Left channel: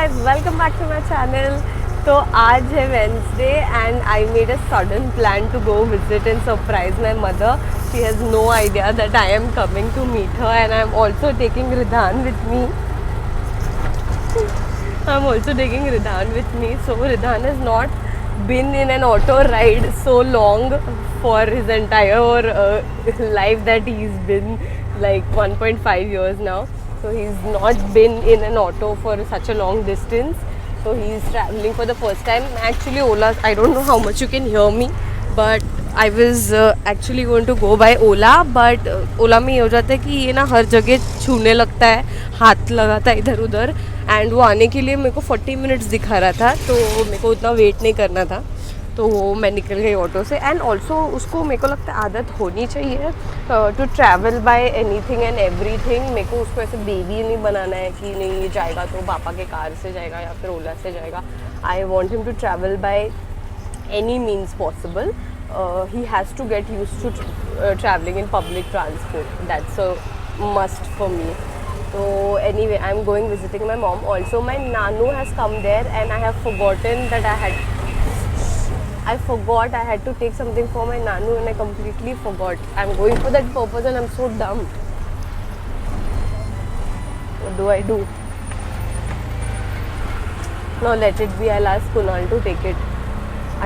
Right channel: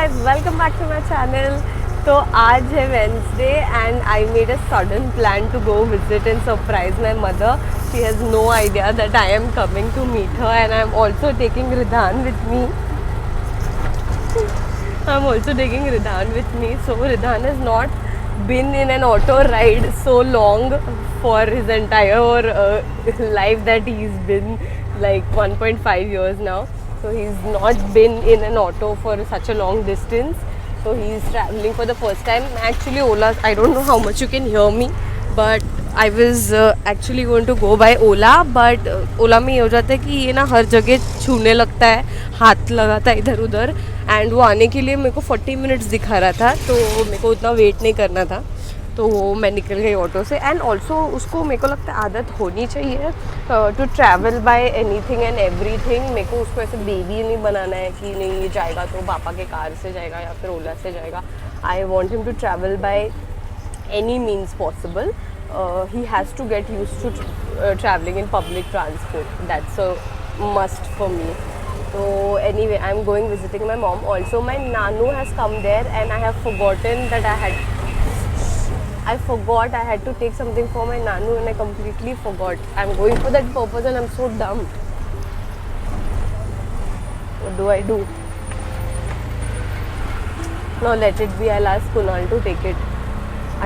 guys, welcome back to my channel. तो आज है Wednesday and I made a sudden plan to go visit and surprise my mother. She has no idea that I am coming to meet her and I am also taking Ridhan with me. So Ridhan has not been in an auto ride so long for his entire life that he's been like 1.5 years now. So he's not been in an auto for such a long distance. So he's traveling for the first time. Actually, Ola, I don't know how much you can hear me, but I was actually going to go by Ola, but Ola में ये हो जाता है कि ये ना हर जगह छूने लगता है, हाथ लगाता है इधर उधर, एंड वो आने के लिए मेरे को 40 मिनट्स दिखा रहा था, तो मेरे को उतना वेट नहीं करना था, तो वो मैं निकल गई ऑटो से. एंड ऑल्सो उसको मेरे को लगता है आदत होनी चाहिए to travel by anything and everything. मेरे को उसको ऐसे बेबी नहीं बनाना है कि नहीं ये जाएगा तो पापा के कार से जाएगा या फिर ओला से जाएगा. I want him to travel by any means possible. He has to get used to traveling in public transport. That's a must for me. So anyway, I'm going visiting my mom. Also, my Nanu has come there, and I have forgotten that I forgot I had to take something for my Nanu, and I completely forgot. I'm going for that purpose, and I'm so dumb. What do I do? No, let it be. I'll ask Kunal to take it.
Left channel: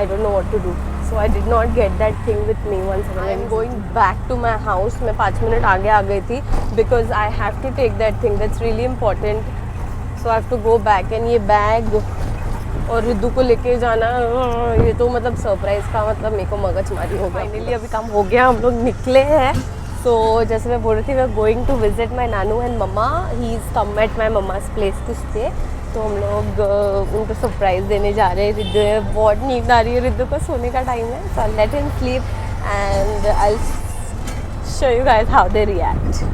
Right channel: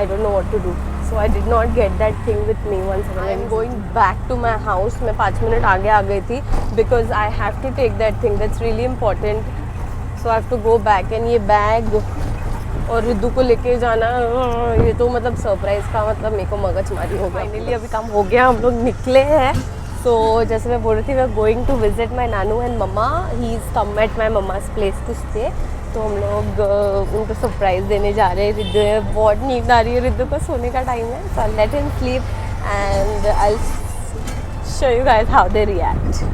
I don't know what to do. So I did not get that thing with me once again. I'm going back to my house. मैं 5 minute आगे आ गई थी because I have to take that thing. That's really important. So I have to go back. And ये bag और रिद्धू को लेके जाना, ये तो मतलब सरप्राइज का मतलब मेरे को मगजमारी हो गई. फाइनली अभी काम हो गया, हम लोग निकले हैं. So जैसे मैं बोल रही थी, we are going to visit my नानू and mamma. He is come at my mamma's place to stay. तो हम लोग उनको सरप्राइज़ देने जा रहे हैं. रिद्धू बहुत नींद आ रही है, रिद्धू को सोने का टाइम है. So I let him sleep and I show you guys how they react.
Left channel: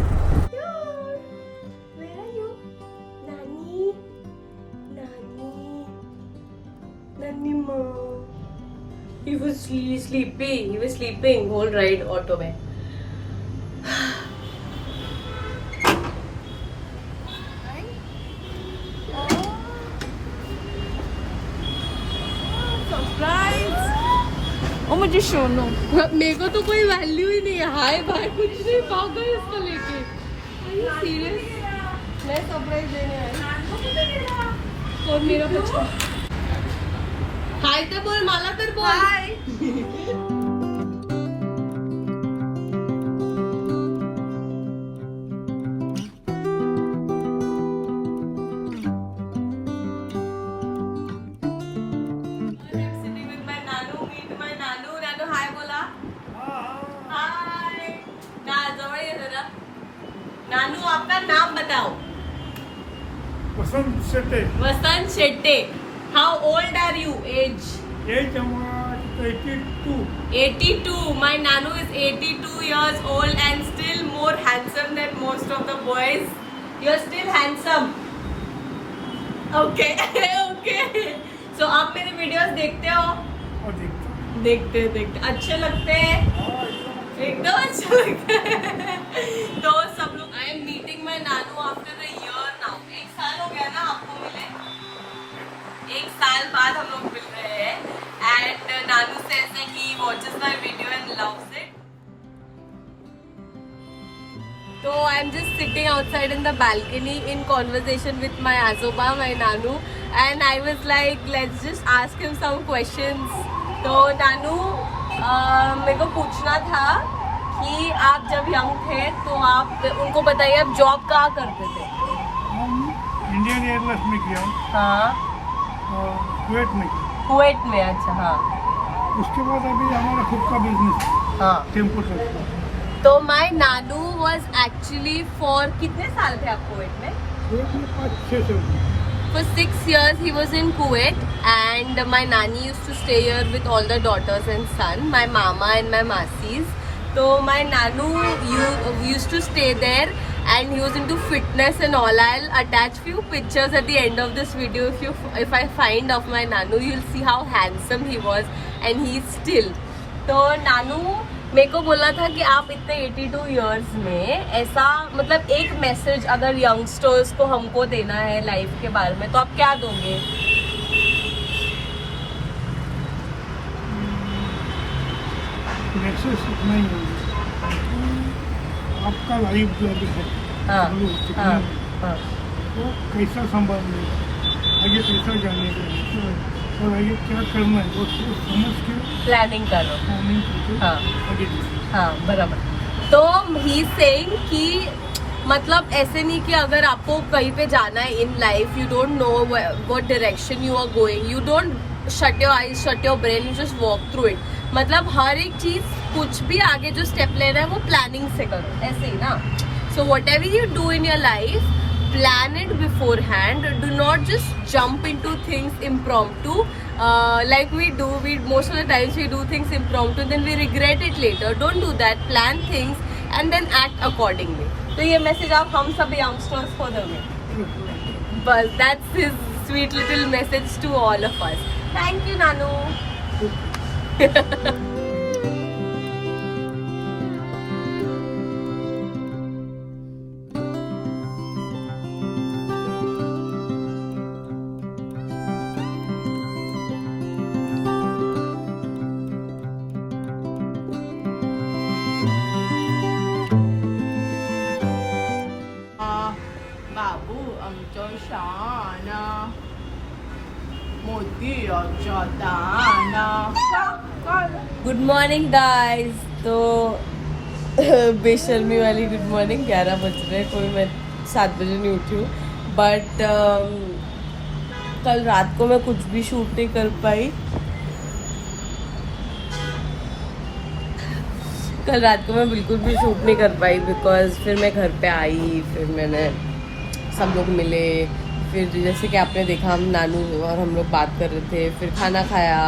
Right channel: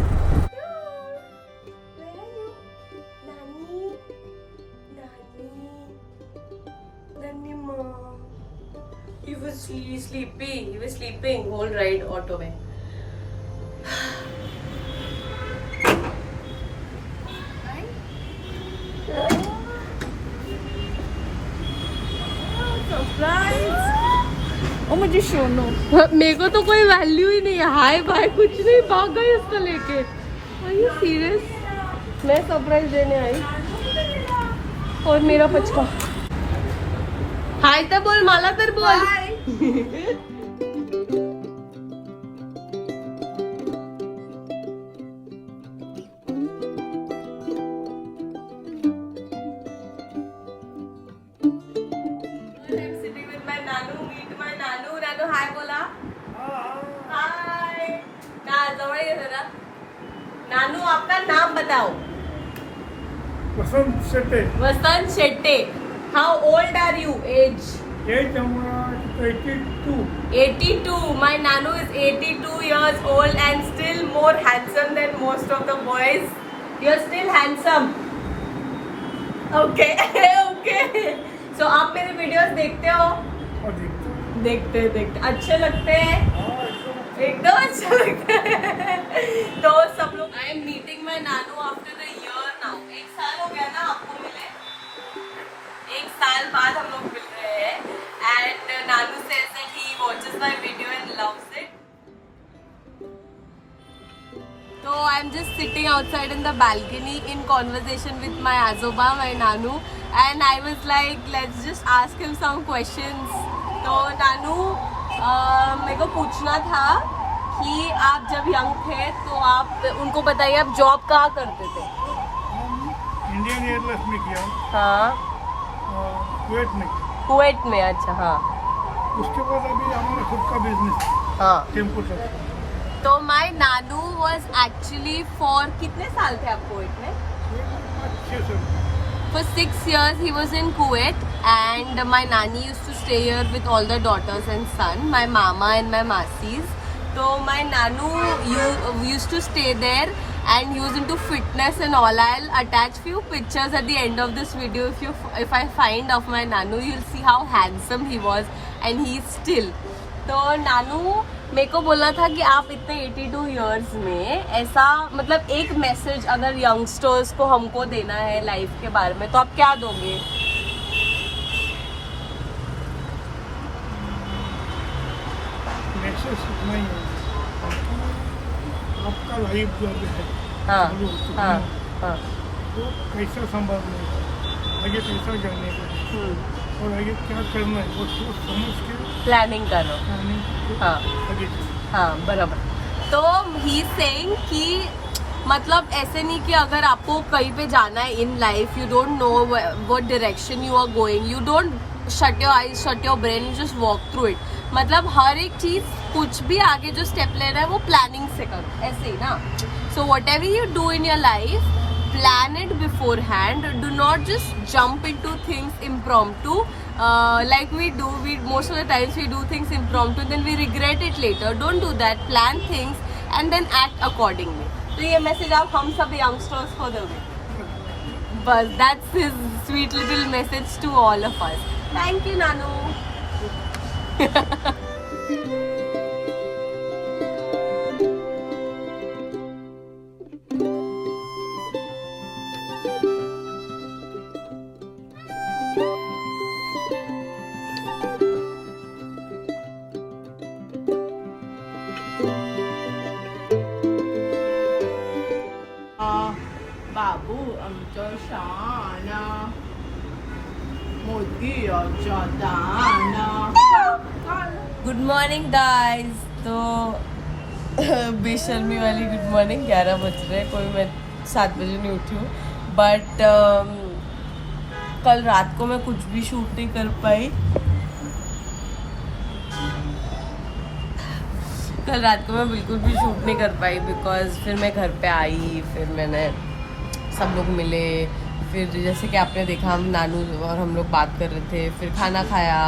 He was sleeping. He was sleeping whole ride auto में. ओ मुझे शोनो मेरे को तो कोई वैल्यू ही नहीं है. हाय बाय कुछ नहीं, भाग गई उसको लेके. Are you serious? मैं सरप्राइज देने आई और मेरा बचका. हाय तर बोल, मला तर बोल. हाय बोला. हाय ना, जवळ ये जरा. नानू आपका नाम बताओ. Vasant Shette. Vasant Shette. How old are you? Age 82. 82. My Nanu is 82 years old and still more handsome than most of the boys. You're still handsome. Okay. Okay. So आप मेरे वीडियोस देखते हो? और देखते अच्छे लगते हैं, एकदम अच्छा लगता है. तो सब लोग I am meeting my Nanu after a year now. 1 साल हो गया ना आपको मिले. 1 साल बाद हम लोग मिल रहे हैं. And Nanu says that he watches my video and loves it. So I'm just sitting outside in the balcony in conversation with my azoba, my Nanu, and I was like, let's just ask him some questions. तो नानू मेरे को पूछना था कि आप जब young थे तो आप उनको बताइए आप जॉब कहाँ करते थे? हम इंडियन एयरलाइंस में किया. हाँ. कुवैत में. कुवैत में. अच्छा. हाँ. उसके बाद अभी हमारा खुद का बिजनेस. हाँ. Tempo truck. तो my nanu was actually for कितने साल थे आप कुवैत में? 5-6 साल. For 6 years he was in Kuwait, and my nanny used to stay here with all the daughters and son, my mama and my masis. So my nanu used to stay there, and he was into fitness and all. I'll attach few pictures at the end of this video. If I find of my nanu, you'll see how handsome he was, and he's still. तो नानू मेरे को बोला था कि आप इतने 82 years में ऐसा मतलब एक मैसेज अगर यंगस्टर्स को हमको देना है लाइफ के बारे में तो आप क्या दोगे? मैसेज इतना ही है आपका लाइफ जो अभी है हाँ, चालू हो चुका हाँ, है हाँ, वो कैसा संभालना है, आगे कैसा जाने का है और आगे क्या करना है वो समझ के प्लानिंग करो। प्लानिंग करके हाँ, आगे जाए। हाँ बराबर। तो ही सेइंग कि मतलब ऐसे नहीं कि अगर आपको कहीं पे जाना है in life, you don't know what direction you are going, you don't shut your eyes, shut your brain, you just walk through it. मतलब हर एक चीज कुछ भी आगे जो स्टेप लेना है वो प्लानिंग से करो, ऐसे ही ना। So what ever you do in your life, plan it beforehand. Do not just jump into things impromptu like we do. We most of the times we do things impromptu, then we regret it later. Don't do that. Plan things and then act accordingly. तो ये message आप हम सब youngsters को दोगे बस। that's his sweet little message to all of us. Thank you नानू। बाबू आमचं शान मोतीराच्या दाना। Good morning guys. तो बेशर्मी वाली गुड मॉर्निंग। 11 बज रहे, कोई मैं 7 बजे नहीं उठी हूँ, बट कल रात को मैं कुछ भी शूट नहीं कर पाई। कल रात को मैं बिल्कुल भी शूट नहीं कर पाई बिकॉज फिर मैं घर पे आई, फिर मैंने सब लोग मिले, फिर जैसे कि आपने देखा हम नानू और हम लोग बात कर रहे थे, फिर खाना खाया,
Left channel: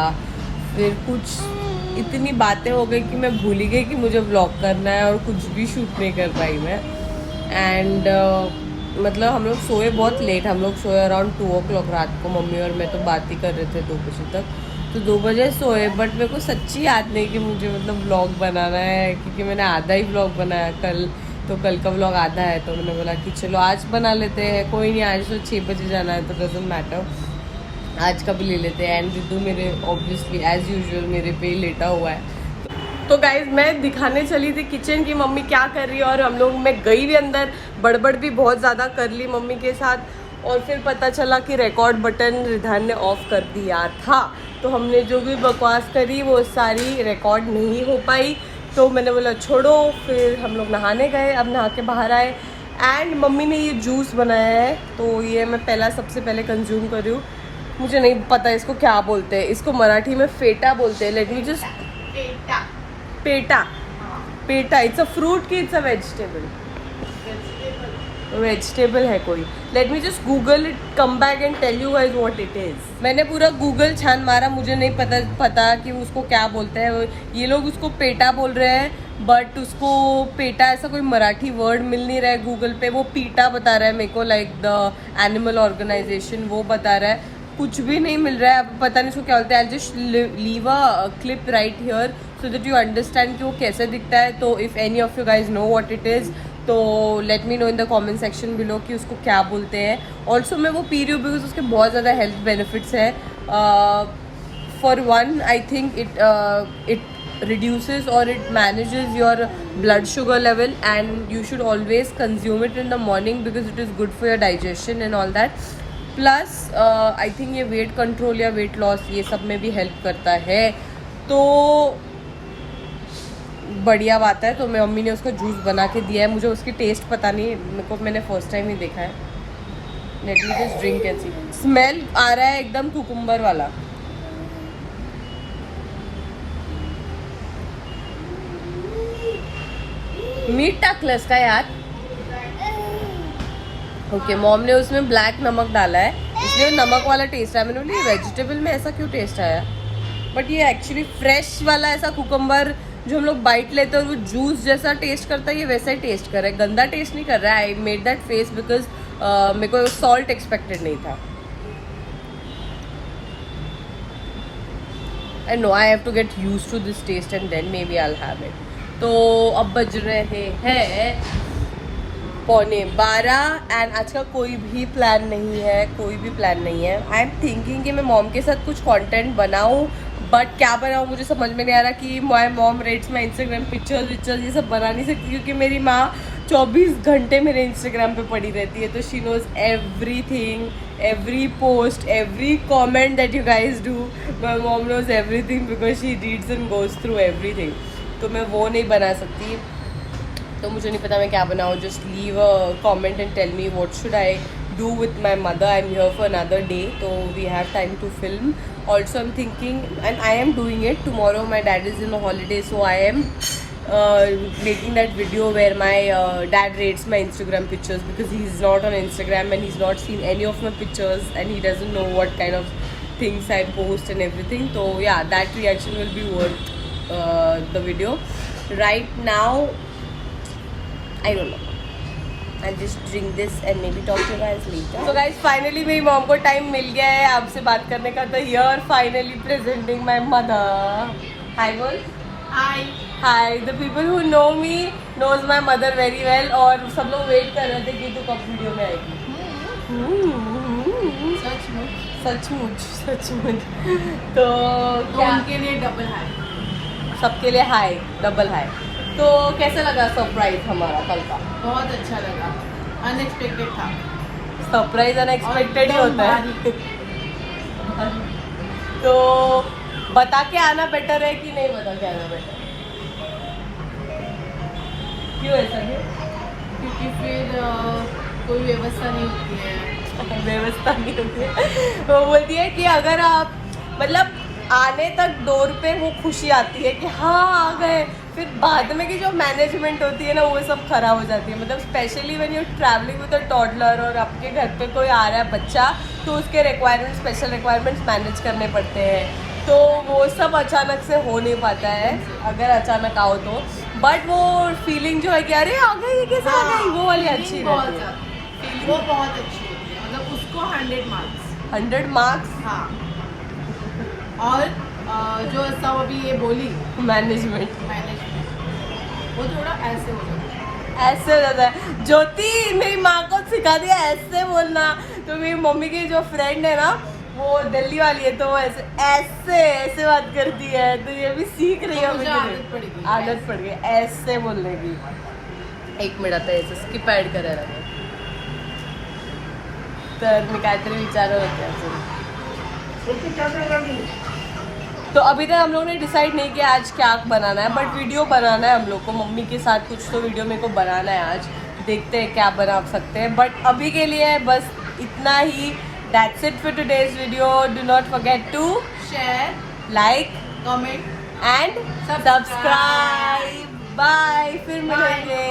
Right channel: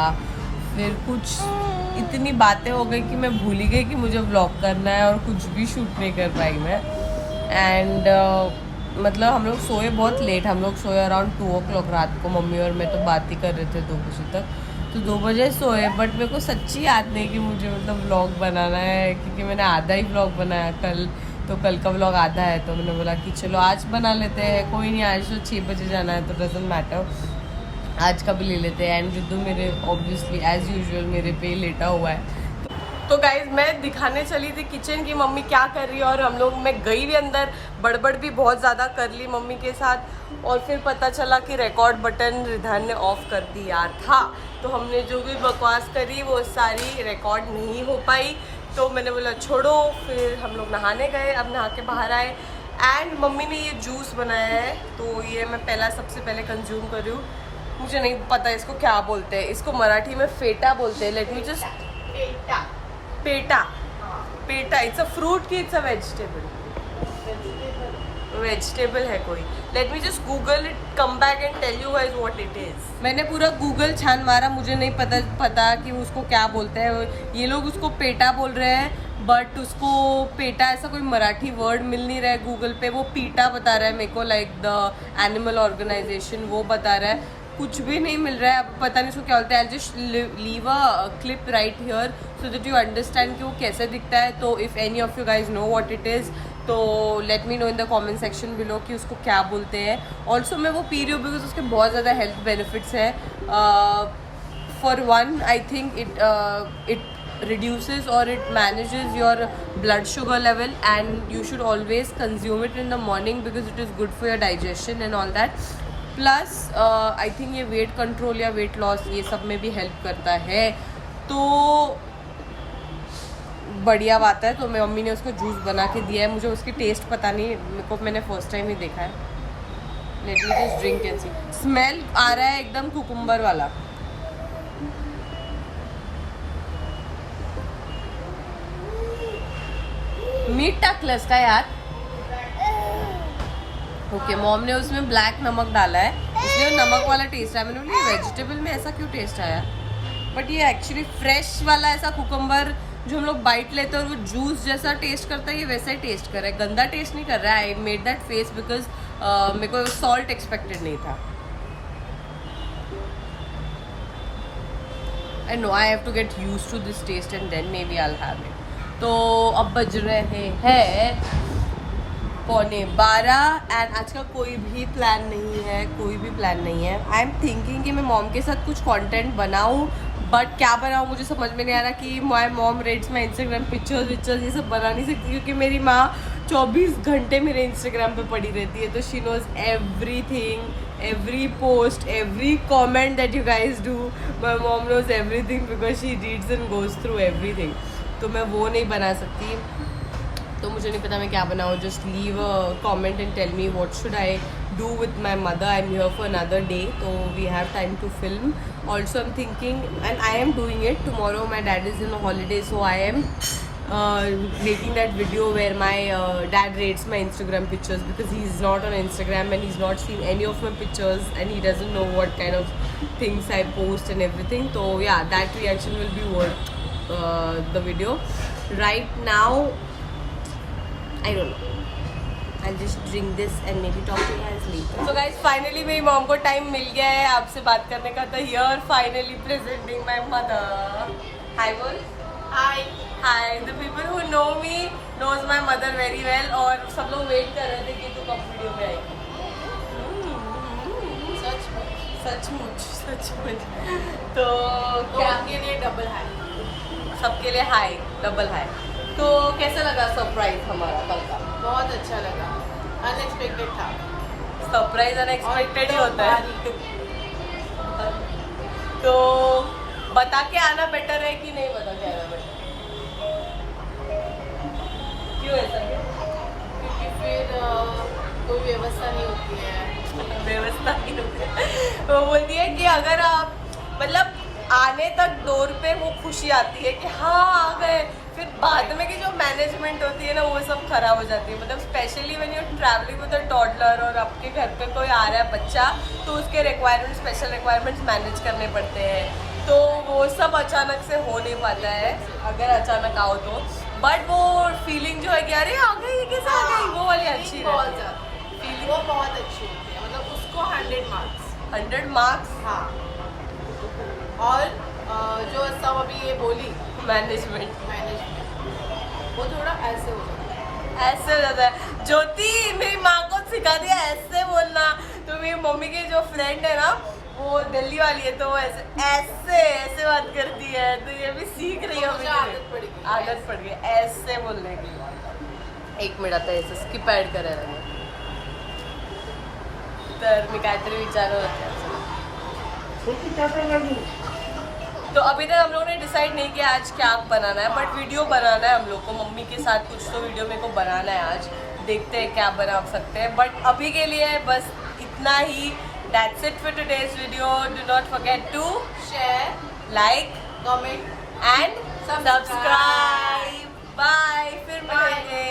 फिर कुछ इतनी बातें हो गई कि मैं भूल ही गई कि मुझे व्लॉग करना है और कुछ भी शूट नहीं कर पाई मैं। एंड मतलब हम लोग सोए बहुत लेट, हम लोग सोए अराउंड 2 o'clock रात को। मम्मी और मैं तो बात ही कर रहे थे 2 बजे तक, तो 2 बजे सोए। बट मेरे को सच्ची याद नहीं कि मुझे मतलब व्लॉग बनाना है, क्योंकि मैंने आधा ही व्लॉग बनाया कल, तो कल का व्लॉग आधा है। तो मैंने बोला कि चलो आज बना लेते हैं, कोई नहीं, आज तो 6 बजे जाना है तो डजंट मैटर, आज का भी ले लेते हैं। एंड जिद्दू मेरे ऑब्वियसली एज यूजुअल मेरे पे लेटा हुआ है। तो गाइज मैं दिखाने चली थी किचन की मम्मी क्या कर रही है, और हम लोग, मैं गई भी अंदर, बड़बड़ भी बहुत ज़्यादा कर ली मम्मी के साथ, और फिर पता चला कि रिकॉर्ड बटन रिधान ने ऑफ कर दिया था। तो हमने जो भी बकवास करी वो सारी रिकॉर्ड नहीं हो पाई। तो मैंने बोला छोड़ो, फिर हम लोग नहाने गए। अब नहा के बाहर आए एंड मम्मी ने ये जूस बनाया है, तो ये मैं सबसे पहले कंज्यूम कर रही हूँ। मुझे नहीं पता इसको क्या बोलते हैं, इसको मराठी में फेटा बोलते हैं। Let me just, feta it's a fruit की इट्स अ वेजिटेबल? वेजिटेबल है कोई। Let me just Google it, come back and tell you guys what it is. मैंने पूरा गूगल छान मारा, मुझे नहीं पता कि उसको क्या बोलते हैं। ये लोग उसको पेटा बोल रहे हैं, बट उसको पेटा ऐसा कोई मराठी वर्ड मिल नहीं रहा है गूगल पे। वो पीटा बता रहा है मेरे को, लाइक द एनिमल ऑर्गेनाइजेशन, वो बता रहा है। कुछ भी नहीं मिल रहा है, अब पता नहीं उसको क्या बोलते हैं। I just leave a clip right here so that you understand कि वो कैसे दिखता है। तो if any of you guys know what it is, तो let me know in the comment section below कि उसको क्या बोलते हैं। ऑल्सो मैं वो पी रही हूँ बिकॉज उसके बहुत ज़्यादा हेल्थ बेनिफिट्स हैं। For one, I think it reduces or it manages your blood sugar level, and you should always consume it in the morning because it is good for your digestion and all that. Plus I think ये weight control या weight loss ये सब में भी help करता है, तो बढ़िया बात है। तो मैं मम्मी ने उसका जूस बना के दिया है, मुझे उसकी टेस्ट पता नहीं, मेरे को मैंने फर्स्ट टाइम ही देखा है। Let me just drink and see. Smell आ रहा है एकदम कुकुम्बर वाला। मीट टाकलंस का यार? ओके, मॉम ने उसमें ब्लैक नमक डाला है, इसलिए नमक वाला टेस्ट आया। मैंने बोली वेजिटेबल में ऐसा क्यों टेस्ट आया, बट ये एक्चुअली फ्रेश वाला ऐसा कुकुम्बर जो हम लोग बाइट लेते हैं और वो जूस जैसा टेस्ट करता है, ये वैसा ही टेस्ट कर रहा है, गंदा टेस्ट नहीं कर रहा है। I made that face because मेरे को सॉल्ट एक्सपेक्टेड नहीं था। I know I have to get used to this taste and then maybe I'll have it. तो अब बज रहे हैं 11:15 एंड आज का कोई भी प्लान नहीं है। आई एम थिंकिंग कि मैं मॉम के साथ कुछ कंटेंट बनाऊं, बट क्या बनाऊं मुझे समझ में नहीं आ रहा कि my mom rates my Instagram pictures ये सब बना नहीं सकती, क्योंकि मेरी माँ 24 घंटे मेरे इंस्टाग्राम पे पड़ी रहती है। तो she knows everything, every post, every comment that you guys do. My mom knows everything because she reads and goes through everything. तो मैं वो नहीं बना सकती, तो मुझे नहीं पता मैं क्या बनाऊँ। Just leave a comment and tell me what should I do with my mother. I'm here for another day, so we have time to film. Also I'm thinking, and I am doing it tomorrow, my dad is in a holiday, so I am making that video where my dad rates my Instagram pictures, because he's not on Instagram and he's not seen any of my pictures and he doesn't know what kind of things I post and everything. So yeah, that reaction will be worth the video. Right now I don't know, I'll just drink this and maybe talk to you guys later. So guys, finally मेरी mom को time मिल गया है आपसे बात करने का, तो here finally presenting my mother. Hi बोल. Hi. The people who know me knows my mother very well, और सब लोग वेट कर रहे थे कि तू कब वीडियो में आएगी. सचमुच. तो क्या उनके लिए डबल हाई. सबके लिए हाई, डबल हाई. तो कैसा लगा सरप्राइज हमारा कल का? बहुत अच्छा लगा, अनएक्सपेक्टेड था. सरप्राइज अनएक्सपेक्टेड ही होता है. तो बता के आना बेटर है कि नहीं बता के आना बेटर? क्यों ऐसा क्यों? क्योंकि फिर कोई व्यवस्था नहीं होती है. व्यवस्था नहीं होती है. वो बोलती है कि अगर आप मतलब आने तक डोर पे वो खुशी आती है कि हाँ आ गए, फिर बाद में की जो मैनेजमेंट होती है ना वो सब खराब हो जाती है. मतलब specially when you travelling with a toddler और आपके घर पे कोई आ रहा है बच्चा, तो उसके रिक्वायरमेंट्स, स्पेशल रिक्वायरमेंट्स मैनेज करने पड़ते हैं. तो वो सब अचानक से हो नहीं पाता है अगर अचानक आओ तो. बट वो फीलिंग जो है कि अरे आ गई, ये कैसे आ गई, वो वाली अच्छी रहती है. वो बहुत अच्छी होती है, मतलब उसको 100 मार्क्स. 100 मार्क्स. हाँ. और जो सब अभी ये बोली मैनेजमेंट, वो थोड़ा ऐसे हो जाता है. ऐसे हो जाता है. ज्योति मेरी माँ को सिखा दिया ऐसे बोलना. तो मेरी मम्मी की जो फ्रेंड है ना वो दिल्ली वाली है, तो वो ऐसे बात करती है. तो ये भी सीख रही है. मुझे आदत पड़ गई ऐसे बोलने की. 1 मिनिट आता याचं स्किप ॲड करायला लागेल. तर मी काहीतरी विचारत होते अजून. तो अभी तक हम लोगों ने डिसाइड नहीं किया आज क्या बनाना है, बट वीडियो बनाना है हम लोग को. मम्मी के साथ कुछ तो वीडियो मेरे को बनाना है आज. देखते हैं क्या बना सकते हैं, बट अभी के लिए बस इतना ही. That's it for today's video. Do not forget to share, like, comment and subscribe. Bye. फिर मिलेंगे.